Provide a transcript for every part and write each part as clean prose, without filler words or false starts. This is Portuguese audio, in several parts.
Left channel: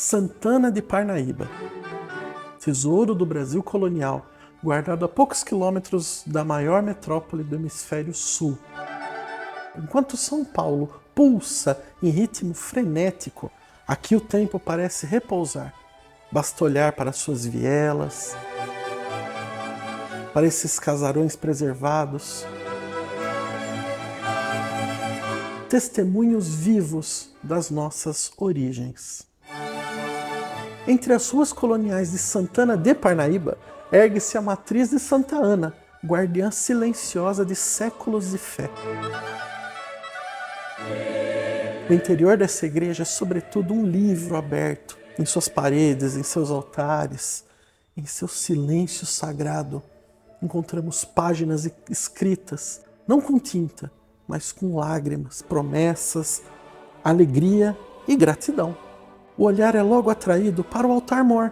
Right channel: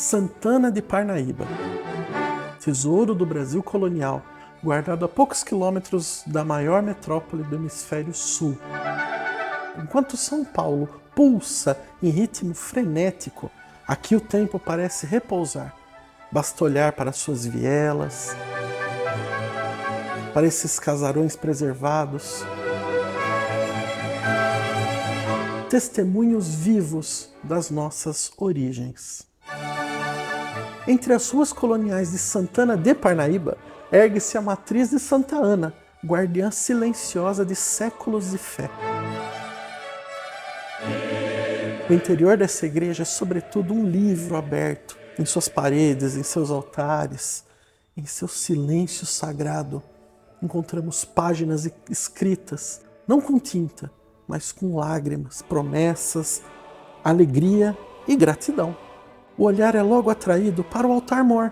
Santana de Parnaíba, tesouro do Brasil colonial, guardado a poucos quilômetros da maior metrópole do hemisfério sul. Enquanto São Paulo pulsa em ritmo frenético, aqui o tempo parece repousar. Basta olhar para suas vielas, para esses casarões preservados, testemunhos vivos das nossas origens. Entre as ruas coloniais de Santana de Parnaíba, ergue-se a matriz de Santa Ana, guardiã silenciosa de séculos de fé. O interior dessa igreja é sobretudo um livro aberto, em suas paredes, em seus altares, em seu silêncio sagrado. Encontramos páginas escritas, não com tinta, mas com lágrimas, promessas, alegria e gratidão. O olhar é logo atraído para o altar-mor,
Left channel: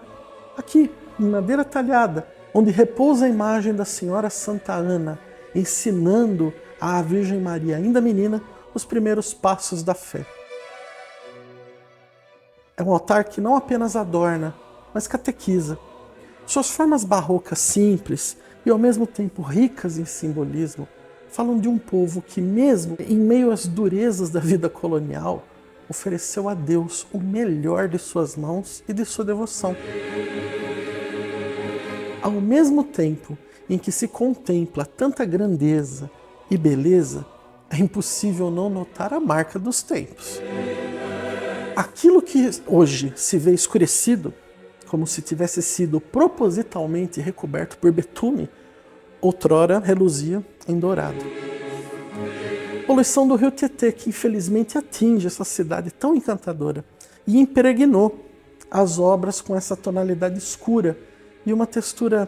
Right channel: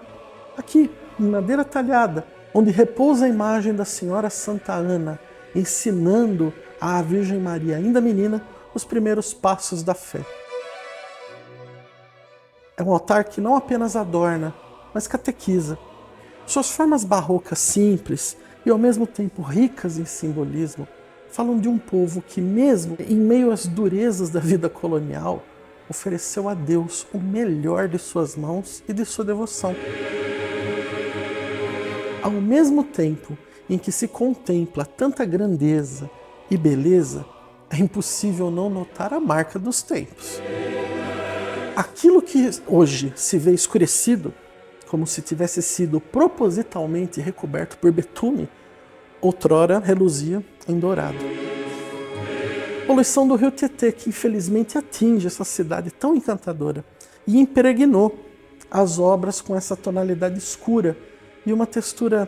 aqui, em madeira talhada, onde repousa a imagem da Senhora Santa Ana, ensinando à Virgem Maria, ainda menina, os primeiros passos da fé. É um altar que não apenas adorna, mas catequiza. Suas formas barrocas simples e ao mesmo tempo ricas em simbolismo falam de um povo que, mesmo em meio às durezas da vida colonial, ofereceu a Deus o melhor de suas mãos e de sua devoção. Ao mesmo tempo em que se contempla tanta grandeza e beleza, é impossível não notar a marca dos tempos. Aquilo que hoje se vê escurecido, como se tivesse sido propositalmente recoberto por betume, outrora reluzia em dourado. Poluição do rio Tietê, que infelizmente atinge essa cidade tão encantadora e impregnou as obras com essa tonalidade escura e uma textura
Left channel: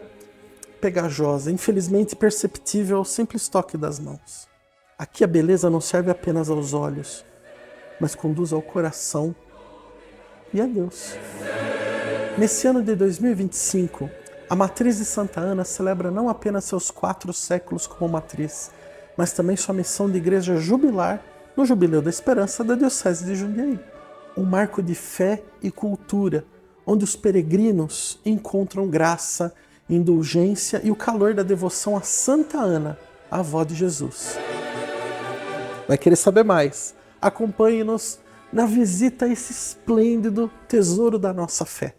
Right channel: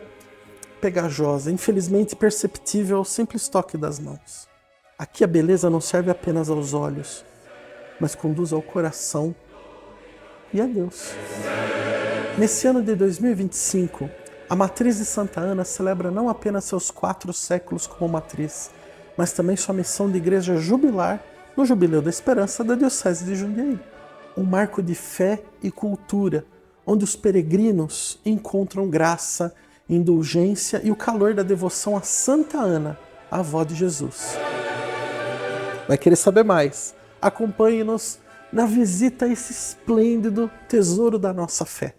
pegajosa, infelizmente perceptível ao simples toque das mãos. Aqui a beleza não serve apenas aos olhos, mas conduz ao coração e a Deus. Nesse ano de 2025, a Matriz de Santa Ana celebra não apenas seus 4 séculos como matriz, mas também sua missão de igreja jubilar no Jubileu da Esperança da Diocese de Jundiaí. Um marco de fé e cultura, onde os peregrinos encontram graça, indulgência e o calor da devoção a Santa Ana, a avó de Jesus. Vai querer saber mais? Acompanhe-nos na visita a esse esplêndido tesouro da nossa fé.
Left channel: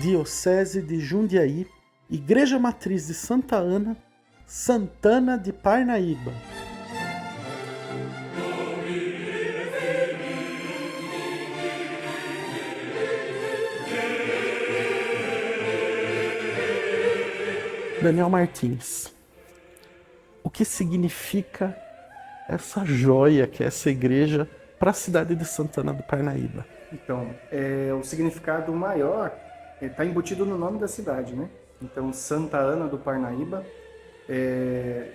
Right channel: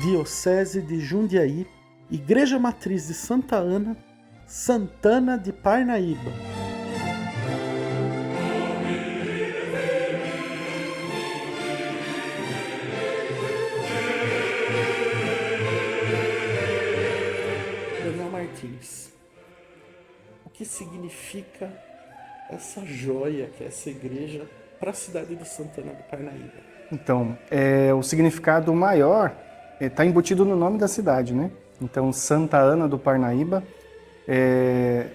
Diocese de Jundiaí, Igreja Matriz de Santa Ana, Santana de Parnaíba. Daniel Martins, o que significa essa joia que é essa igreja para a cidade de Santana do Parnaíba? Então, o significado maior está embutido no nome da cidade, né? Então, Santa Ana do Parnaíba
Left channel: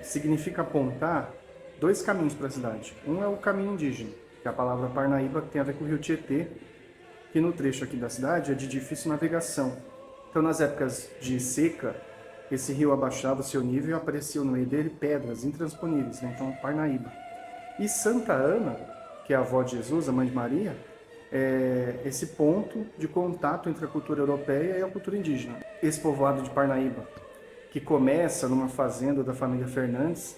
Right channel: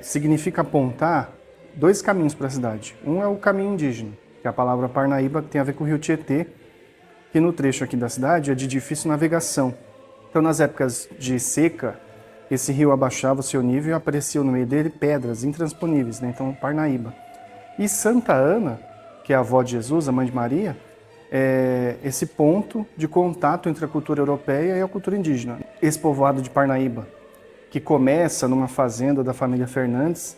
significa apontar 2 caminhos para a cidade. Um é o caminho indígena, que é a palavra Parnaíba, que tem a ver com o rio Tietê, que no trecho aqui da cidade é de difícil navegação. Então, nas épocas de seca, esse rio abaixava o seu nível e apareciam no meio dele pedras intransponíveis, né? Então, Parnaíba. E Santa Ana, que é a avó de Jesus, a mãe de Maria, é esse ponto de contato entre a cultura europeia e a cultura indígena. Esse povoado de Parnaíba, que começa numa fazenda da família Fernandes,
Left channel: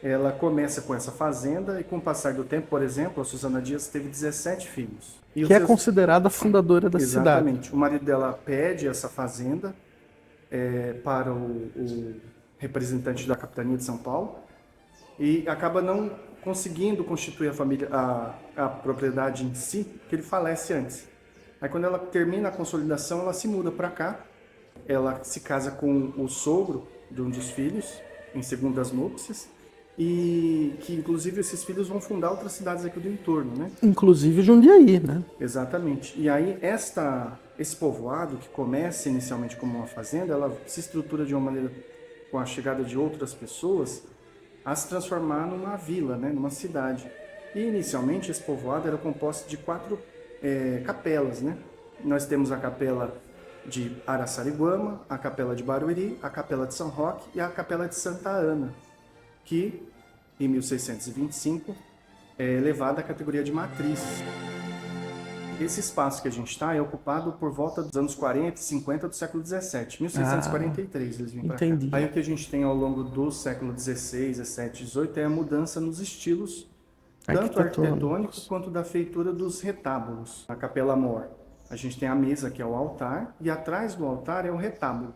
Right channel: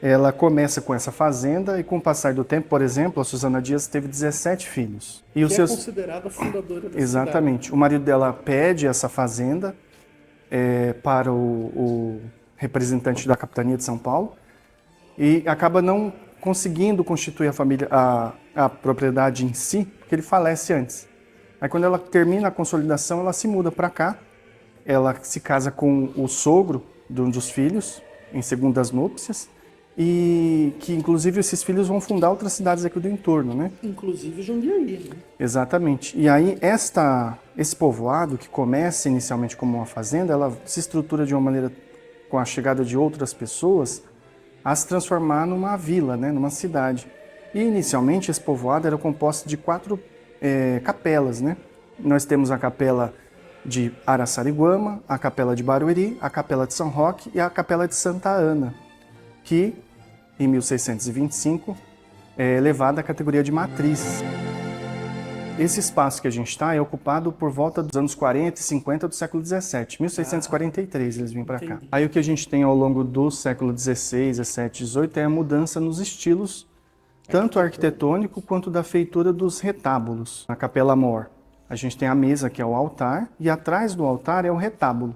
ela começa com essa fazenda e com o passar do tempo, por exemplo, a Susana Dias teve 17 filhos. E que é considerada a fundadora da cidade. Exatamente. O marido dela pede essa fazenda para o representante da capitania de São Paulo e acaba não conseguindo constituir a família, a propriedade em si, porque ele falece antes. Aí quando ela termina a consolidação, ela se muda para cá, ela se casa com o sogro de um dos filhos, em segundas núpcias, e que inclusive esses filhos vão fundar outras cidades aqui do entorno, né? Inclusive Jundiaí, né? Exatamente. E aí esse povoado, que começa inicialmente como uma fazenda, ela se estrutura de uma maneira, com a chegada de outras pessoas, a se transformar numa vila, né? Numa cidade. E inicialmente esse povoado era composto de 4 capelas, né? nós temos a capela de Araçariguama, a capela de Barueri, a capela de São Roque e a capela de Santa Ana, que em 1625 é elevada à categoria de matriz. Esse espaço que a gente está é ocupado por volta dos anos 40 e 50 do século XVII. 1643 eles vêm para cá. Aí o que a gente tem ao longo do século XVI, XVII, XVIII é a mudança nos estilos, tanto arquitetônico quanto da feitura dos retábulos. Na Capela Mor, a gente tem a mesa, que é o altar, e atrás do altar é o retábulo.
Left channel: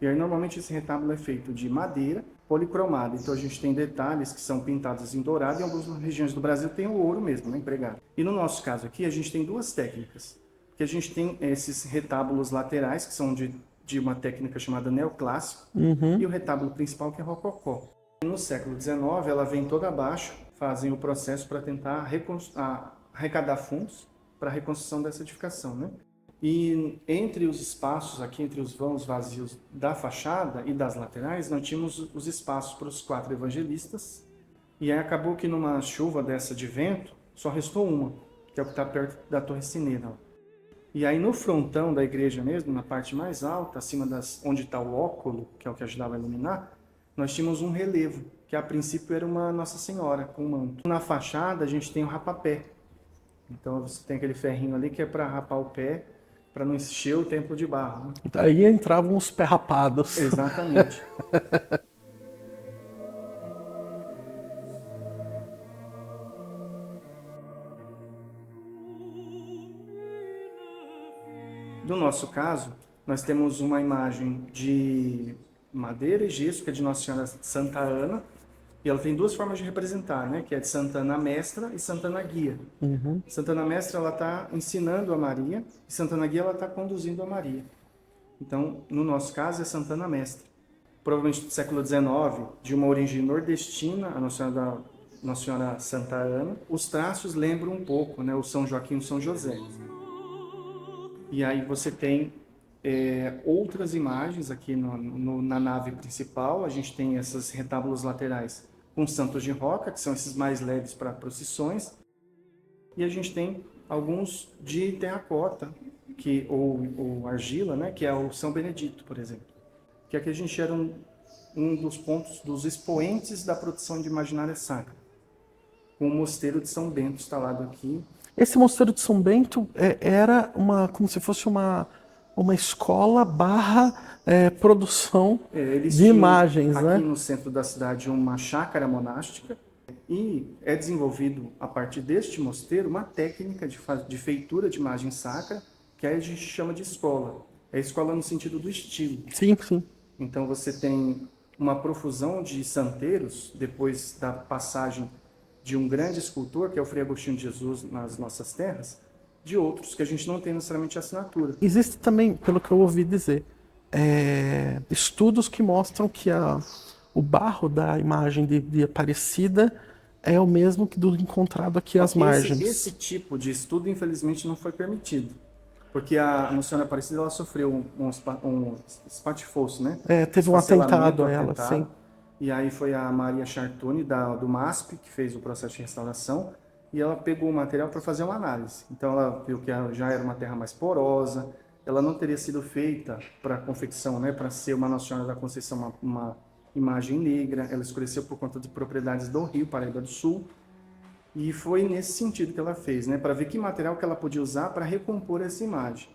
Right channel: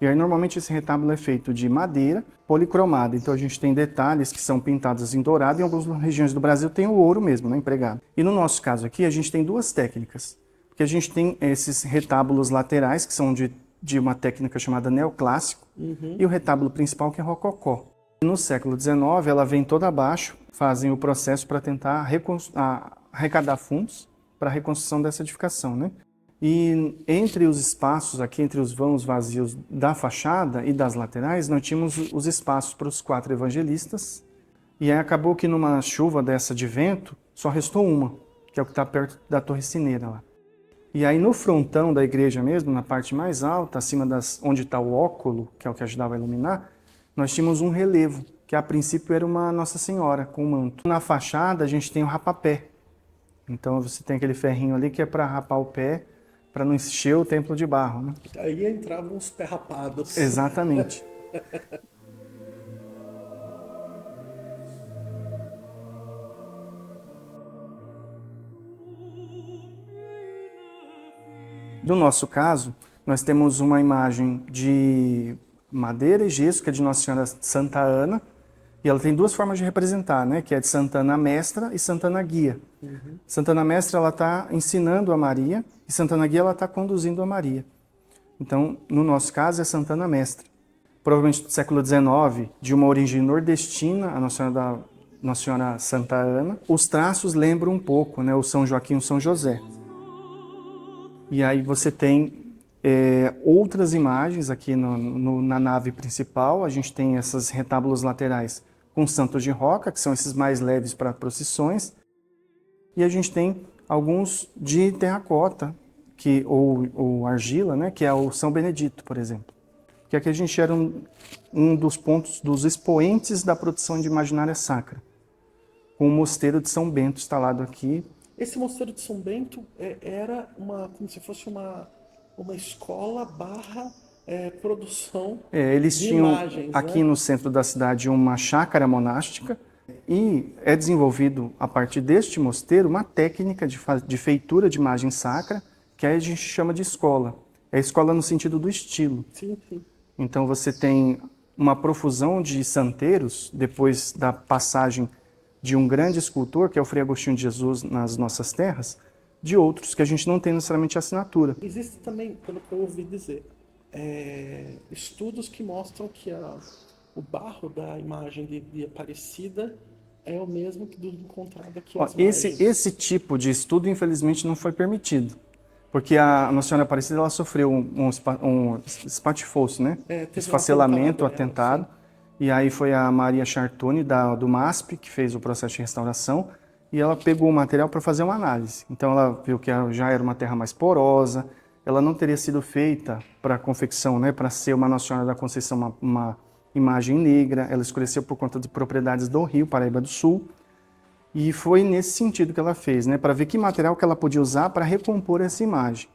E aí normalmente esse retábulo é feito de madeira policromada. Então a gente tem detalhes que são pintados em dourado, e em algumas regiões do Brasil tem o ouro mesmo, né, empregado. E no nosso caso aqui a gente tem duas técnicas, porque a gente tem esses retábulos laterais, que são de uma técnica chamada neoclássico, e o retábulo principal, que é rococó. No século XIX ela vem toda abaixo, fazem o processo para tentar arrecadar fundos para a reconstrução dessa edificação, né? E entre os espaços aqui, entre os vãos vazios da fachada e das laterais, nós tínhamos os espaços para os 4 evangelistas. E aí acabou que numa chuva dessa de vento, só restou uma, que é o que está perto da Torre Sineira lá. E aí no frontão da igreja mesmo, na parte mais alta, acima onde está o óculo, que é o que ajudava a iluminar, nós tínhamos um relevo, que a princípio era uma Nossa Senhora com manto. Na fachada a gente tem o rapapé. Então você tem aquele ferrinho ali que é para rapar o pé, para não encher o templo de barro. Né? Aí entravam os pé rapados. Exatamente. No nosso caso, nós temos uma imagem de madeira e gesso, que é de Nossa Senhora Santa Ana, e ela tem duas formas de representar, né? Que é de Santa Ana Mestra e Santa Ana Guia. Santa Ana Mestra ela está ensinando a Maria e Santa Ana Guia ela está conduzindo a Maria. Então, no nosso caso, é Santa Ana Mestra. Provavelmente do século XIX, de uma origem nordestina, a Nossa Senhora Santa Ana. Os traços lembram um pouco, né? O São Joaquim e o São José. E aí você tem outras imagens aqui na nave principal. A gente tem esses retábulos laterais com santos de roca, que são esses mais leves para procissões. E a gente tem alguns de terracota, ou argila, né, que é o São Benedito, por exemplo. Que aqui a gente era um dos pontos, dos expoentes da produção de imaginária sacra. Com o mosteiro de São Bento instalado aqui. Esse mosteiro de São Bento era como se fosse uma escola produção eles de imagens. Aqui né? no centro da cidade uma chácara monástica e é desenvolvido a partir deste mosteiro uma técnica de feitura de imagem sacra que a gente chama de escola. É escola no sentido do estilo. Sim, sim. Então você tem uma profusão de santeiros depois da passagem de um grande escultor, que é o Frei Agostinho de Jesus nas nossas terras, de outros que a gente não tem necessariamente assinatura. Existe também, pelo que eu ouvi dizer, estudos que mostram que o barro da imagem de Aparecida é o mesmo que do encontrado aqui às margens. Esse tipo de estudo, infelizmente, não foi permitido. Porque a Nossa Senhora Aparecida ela sofreu um espatifouço, né? Teve um atentado. E aí foi a Maria Chartoni, do MASP, que fez o processo de restauração, e ela pegou o material para fazer uma análise. Então ela viu que já era uma terra mais porosa, ela não teria sido feita para confecção, né, para ser uma Nossa Senhora da Conceição, uma imagem negra, ela escureceu por conta de propriedades do Rio, Paraíba do Sul, e foi nesse sentido que ela fez, né, para ver que material que ela podia usar para recompor essa imagem.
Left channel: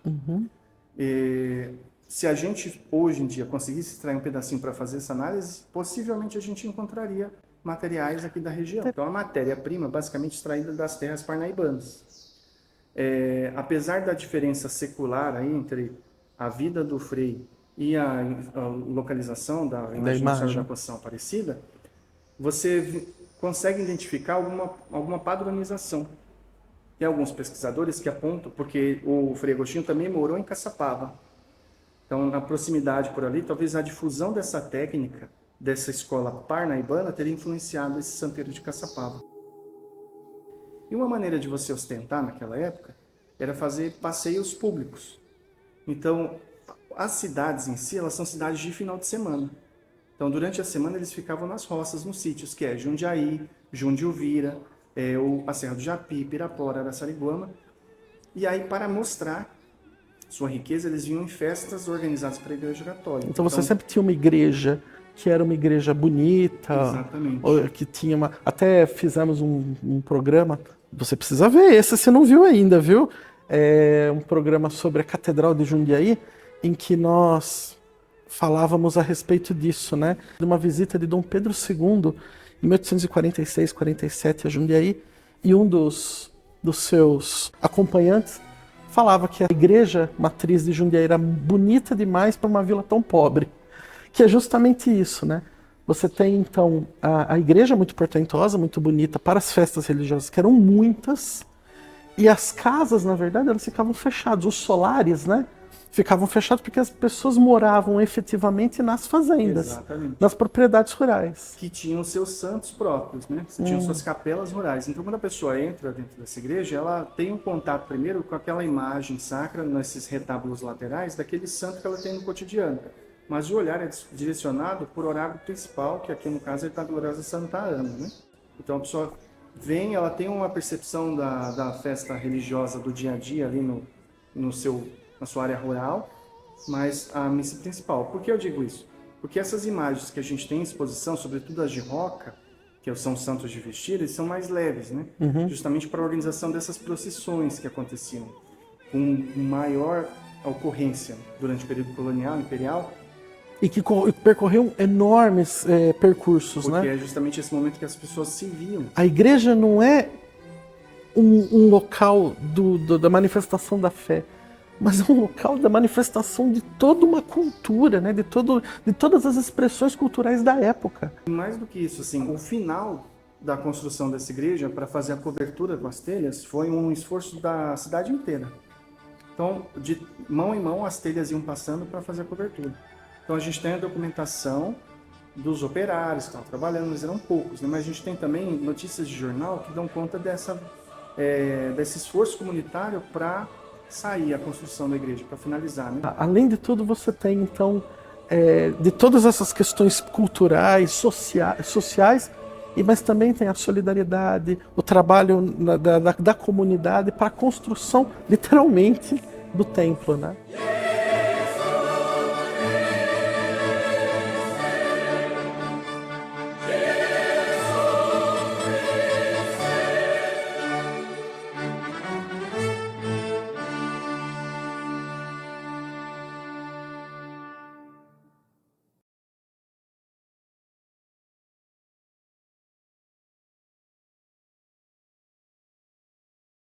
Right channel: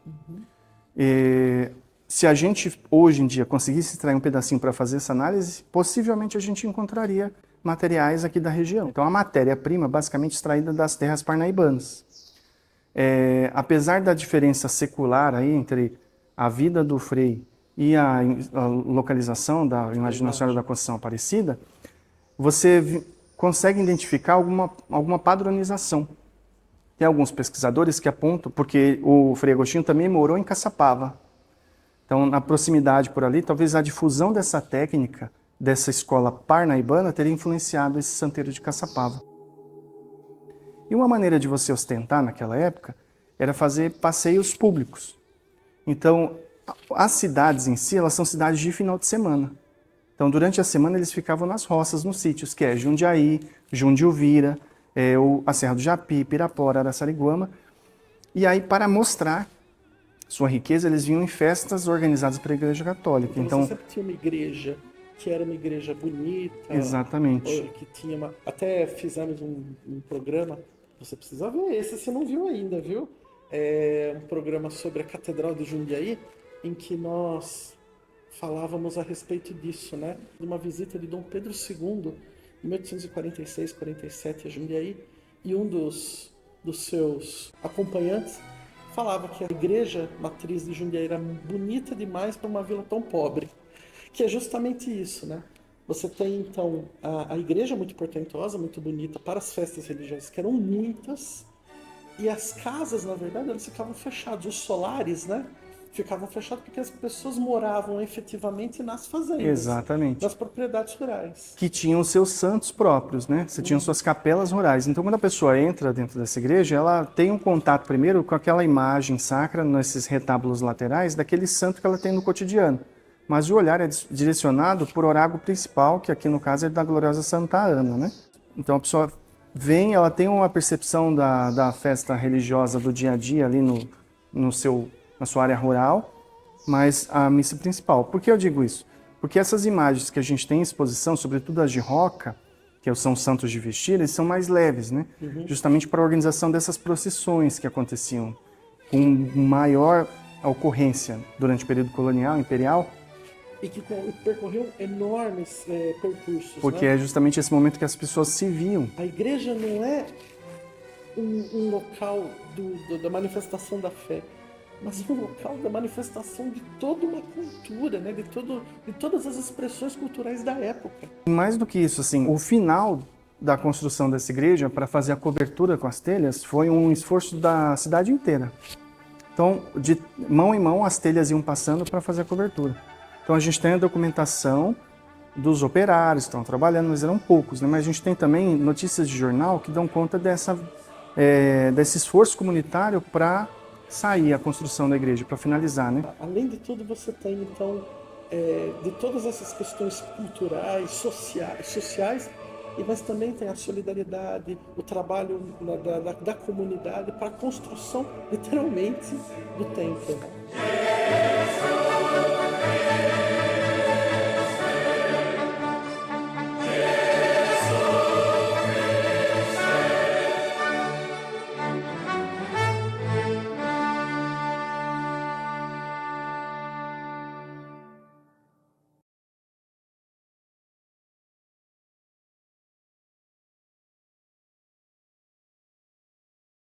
Se a gente, hoje em dia, conseguisse extrair um pedacinho para fazer essa análise, possivelmente a gente encontraria materiais aqui da região. Então, a matéria-prima basicamente extraída das terras parnaibanas. Apesar da diferença secular aí entre a vida do Frei e a localização da imagem Nossa Senhora da Conceição Aparecida, você consegue identificar alguma padronização. Tem alguns pesquisadores que apontam, porque o Frei Agostinho também morou em Caçapava. Então, na proximidade por ali, talvez a difusão dessa técnica, dessa escola parnaibana, teria influenciado esse santeiro de Caçapava. E uma maneira de você ostentar naquela época era fazer passeios públicos. Então, as cidades em si, elas são cidades de final de semana. Então, durante a semana, eles ficavam nas roças, nos sítios, que é Jundiaí, Jundiuvira, a Serra do Japi, Pirapora, Araçariguama. E aí, para mostrar sua riqueza, eles vinham em festas organizadas pela Igreja Católica. Então você sempre tinha uma igreja que era uma igreja bonita. Exatamente. Que tinha uma... Até fizemos um programa, você precisa ver esse, você não viu ainda, viu? Um programa sobre a Catedral de Jundiaí, em que nós falávamos a respeito disso, né? De uma visita de Dom Pedro II, em 1846, 47, a Jundiaí, e um dos seus acompanhantes falava que a igreja matriz de Jundiaí era bonita demais para uma vila tão pobre. Que é justamente isso, né? Você tem, então, a igreja muito portentosa, muito bonita para as festas religiosas, que eram muitas, e as casas, na verdade, elas ficavam fechadas. Os solares, né? Ficavam fechados porque as pessoas moravam efetivamente nas fazendas. Exatamente. Nas propriedades rurais. Que tinham seus santos próprios, né? Você tinha suas capelas rurais. Então, quando a pessoa entra dentro dessa igreja, ela tem um contato primeiro com aquela imagem sacra, nesses retábulos laterais, daquele santo que ela tem no cotidiano. Mas o olhar é direcionado por oráculo principal, que aqui no caso é da gloriosa Santa Ana, né? Então a pessoa vem, ela tem uma percepção da festa religiosa do dia a dia ali na sua área rural, mas a missa principal. Por que eu digo isso? Porque essas imagens que a gente tem em exposição, sobretudo as de Roca, que são santos de vestir, eles são mais leves, né? Justamente para a organização dessas procissões que aconteciam com maior ocorrência durante o período colonial, imperial, e que percorreu enormes percursos, porque né? é justamente esse momento que as pessoas se viam. A igreja não é um local da manifestação da fé, mas é um local da manifestação de toda uma cultura, né? de todas as expressões culturais da época. Mais do que isso, assim, o final da construção dessa igreja para fazer a cobertura com as telhas foi um esforço da cidade inteira. Então, de mão em mão, as telhas iam passando para fazer a cobertura. Então a gente tem a documentação dos operários que estão trabalhando, mas eram poucos, né? Mas a gente tem também notícias de jornal que dão conta desse esforço comunitário para sair a construção da igreja, para finalizar, né? Além de tudo, você tem, então, de todas essas questões culturais, sociais, mas também tem a solidariedade, o trabalho da comunidade para a construção, literalmente, do templo, né?